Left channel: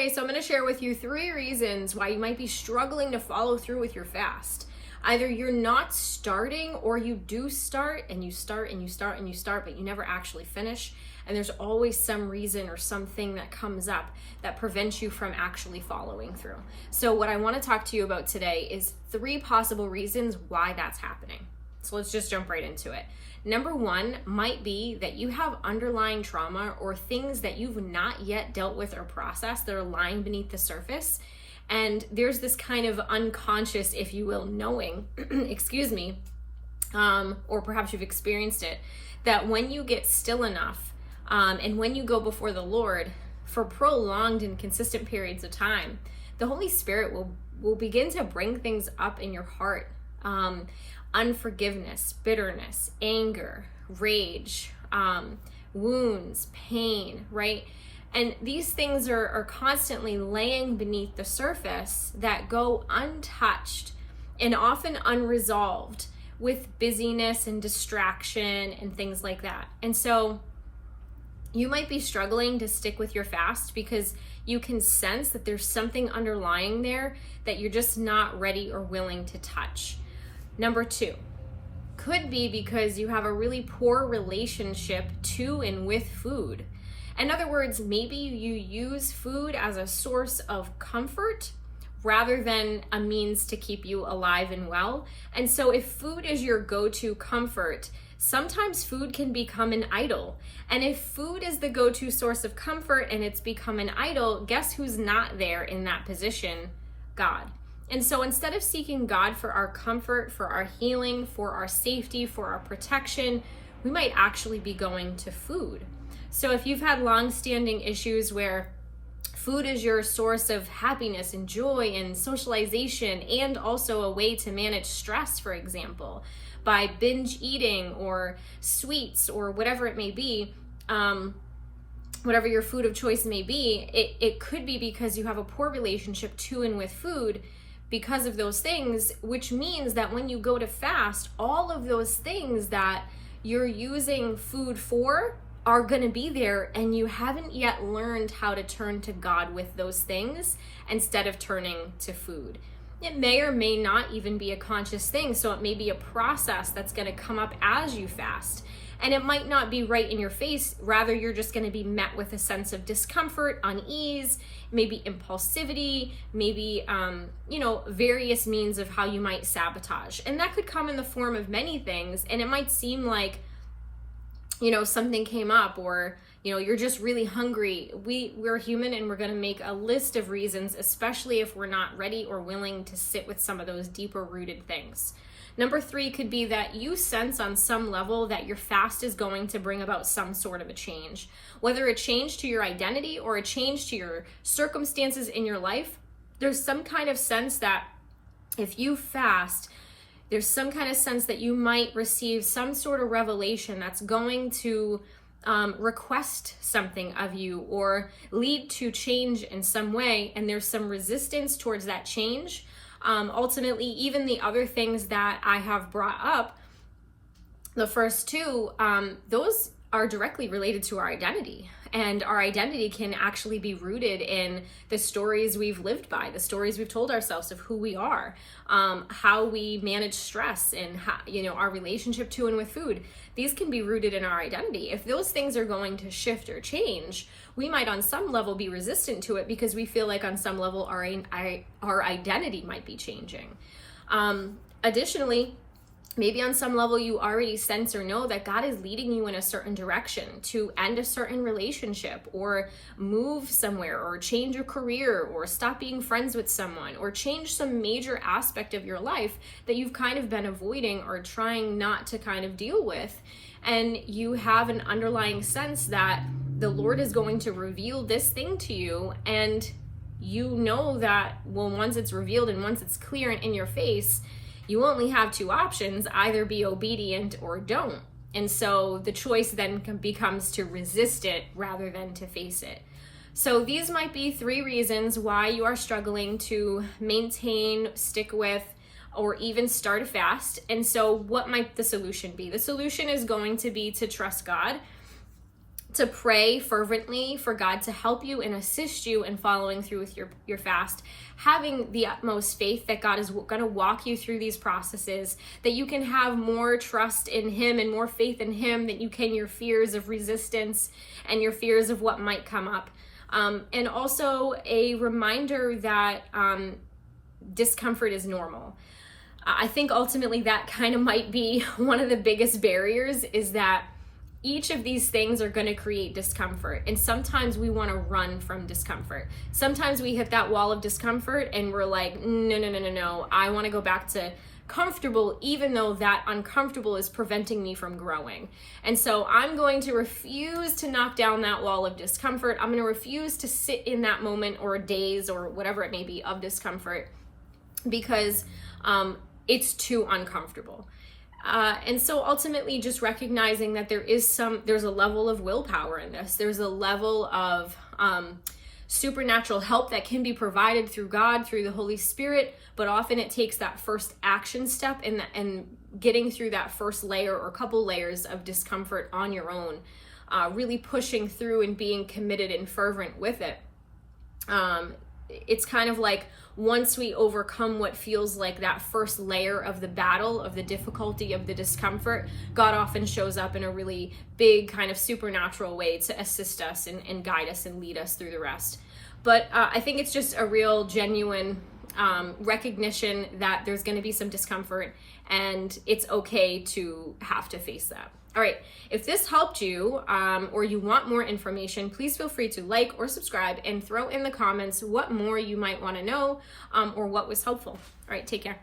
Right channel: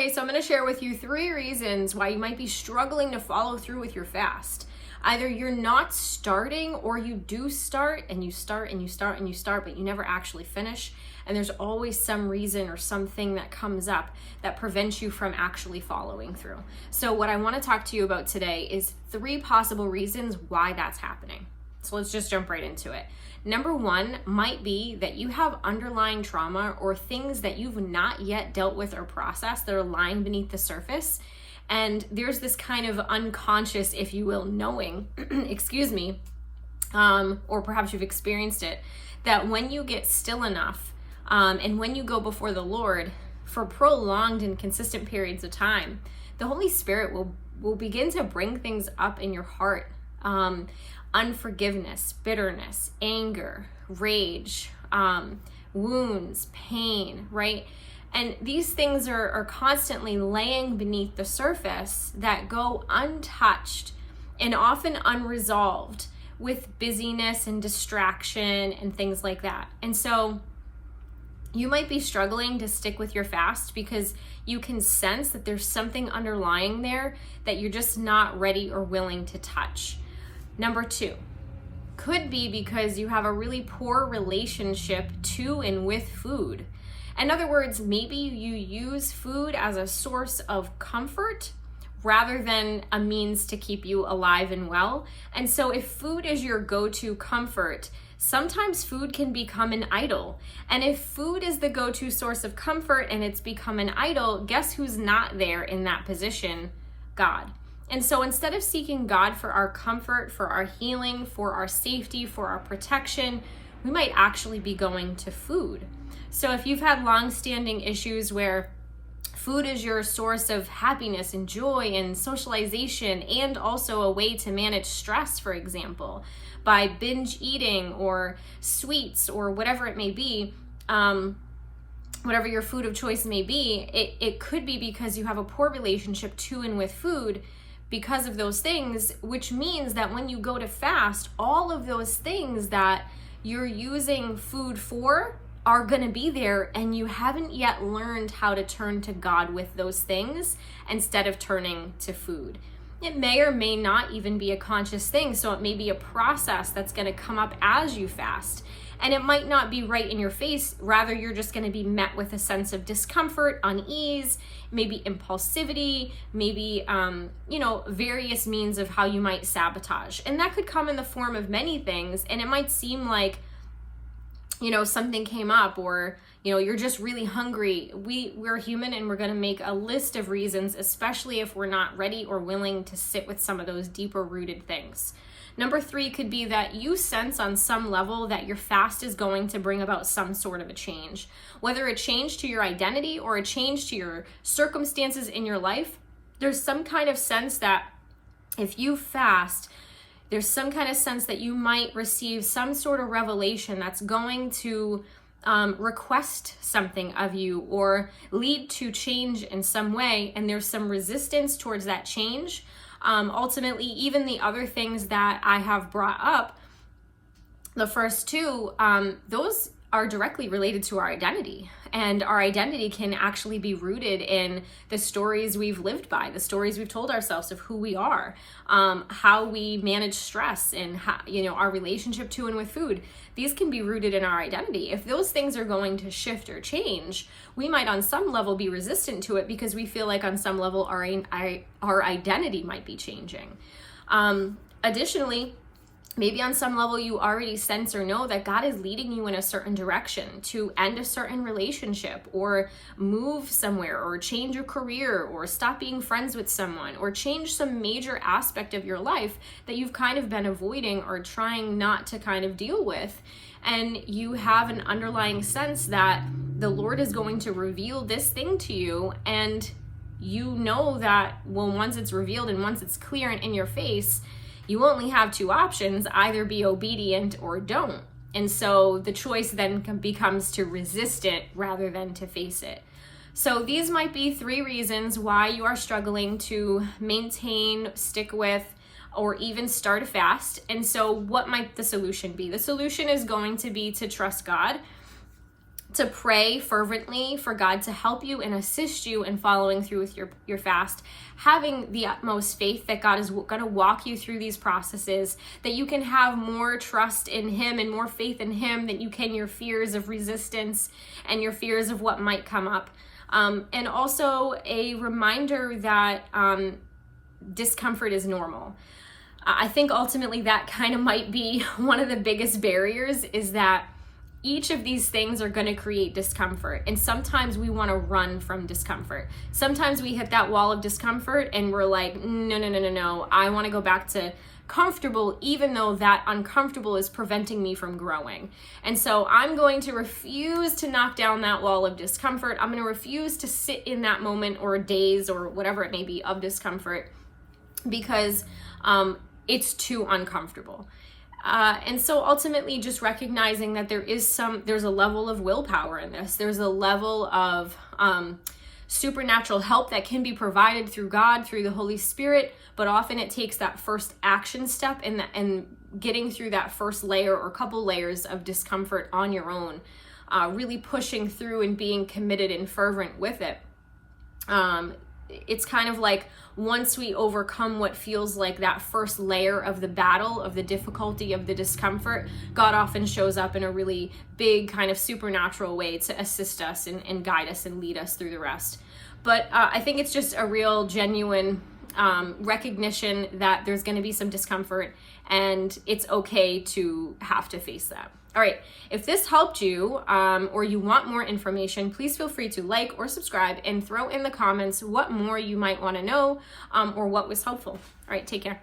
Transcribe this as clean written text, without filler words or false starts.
Okay, so I'm going to share with you 3 reasons why you might be struggling to follow through with your fast. Either you're not starting, or you do start and you start and you start and you start, but you never actually finish. And there's always some reason or something that comes up that prevents you from actually following through. So what I want to talk to you about today is 3 possible reasons why that's happening. So let's just jump right into it. Number 1 might be that you have underlying trauma or things that you've not yet dealt with or processed that are lying beneath the surface. And there's this kind of unconscious, if you will, knowing, excuse me, or perhaps you've experienced it, that when you get still enough and when you go before the Lord for prolonged and consistent periods of time, the Holy Spirit will begin to bring things up in your heart. Unforgiveness, bitterness, anger, rage, wounds, pain, right? And these things are constantly laying beneath the surface that go untouched and often unresolved with busyness and distraction and things like that. And so you might be struggling to stick with your fast because you can sense that there's something underlying there that you're just not ready or willing to touch. Number 2 could be because you have a really poor relationship to and with food. In other words, maybe you use food as a source of comfort rather than a means to keep you alive and well. And so if food is your go-to comfort, sometimes food can become an idol. And if food is the go-to source of comfort and it's become an idol, guess who's not there in that position? God. And so instead of seeking God for our comfort, for our healing, for our safety, for our protection, we might actually be going to food. So if you've had long-standing issues where food is your source of happiness and joy and socialization, and also a way to manage stress, for example, by binge eating or sweets or whatever it may be, whatever your food of choice may be, it could be because you have a poor relationship to and with food because of those things, which means that when you go to fast, all of those things that you're using food for are going to be there, and you haven't yet learned how to turn to God with those things instead of turning to food. It may or may not even be a conscious thing, so it may be a process that's going to come up as you fast. And it might not be right in your face, rather you're just going to be met with a sense of discomfort, unease, maybe impulsivity, maybe, various means of how you might sabotage. And that could come in the form of many things. And it might seem like, something came up, or, you're just really hungry. We're human, and we're going to make a list of reasons, especially if we're not ready or willing to sit with some of those deeper rooted things. Number 3 could be that you sense on some level that your fast is going to bring about some sort of a change. Whether a change to your identity or a change to your circumstances in your life, there's some kind of sense that if you fast, there's some kind of sense that you might receive some sort of revelation that's going to request something of you or lead to change in some way, and there's some resistance towards that change. Ultimately, even the other things that I have brought up, the first 2, those are directly related to our identity. And our identity can actually be rooted in the stories we've lived by, the stories we've told ourselves of who we are, how we manage stress, and how, our relationship to and with food. These can be rooted in our identity. If those things are going to shift or change, we might on some level be resistant to it because we feel like on some level our identity might be changing. Additionally, maybe on some level you already sense or know that God is leading you in a certain direction to end a certain relationship, or move somewhere, or change a career, or stop being friends with someone, or change some major aspect of your life that you've kind of been avoiding or trying not to kind of deal with. And you have an underlying sense that the Lord is going to reveal this thing to you, and you know that, once it's revealed and once it's clear and in your face, you only have 2 options: either be obedient or don't. And so the choice then becomes to resist it rather than to face it. So these might be 3 reasons why you are struggling to maintain, stick with, or even start a fast. And so what might the solution be? The solution is going to be to trust God to pray fervently for God to help you and assist you in following through with your fast, having the utmost faith that God is going to walk you through these processes, that you can have more trust in Him and more faith in Him than you can your fears of resistance and your fears of what might come up. And also a reminder that discomfort is normal. I think ultimately that kind of might be one of the biggest barriers, is that each of these things are going to create discomfort. And sometimes we want to run from discomfort. Sometimes we hit that wall of discomfort and we're like, no. I want to go back to comfortable, even though that uncomfortable is preventing me from growing. And so I'm going to refuse to knock down that wall of discomfort. I'm going to refuse to sit in that moment or days or whatever it may be of discomfort, because it's too uncomfortable. And so ultimately just recognizing that there's a level of willpower in this. There's a level of supernatural help that can be provided through God, through the Holy Spirit, but often it takes that first action step and getting through that first layer or couple layers of discomfort on your own, really pushing through and being committed and fervent with it. It's kind of like, once we overcome what feels like that first layer of the battle, of the difficulty, of the discomfort, God often shows up in a really big kind of supernatural way to assist us and guide us and lead us through the rest. But I think it's just a real genuine recognition that there's going to be some discomfort, and it's okay to have to face that. All right. If this helped you, or you want more information, please feel free to like or subscribe and throw in the comments what more you might want to know, or what was helpful. All right, take care.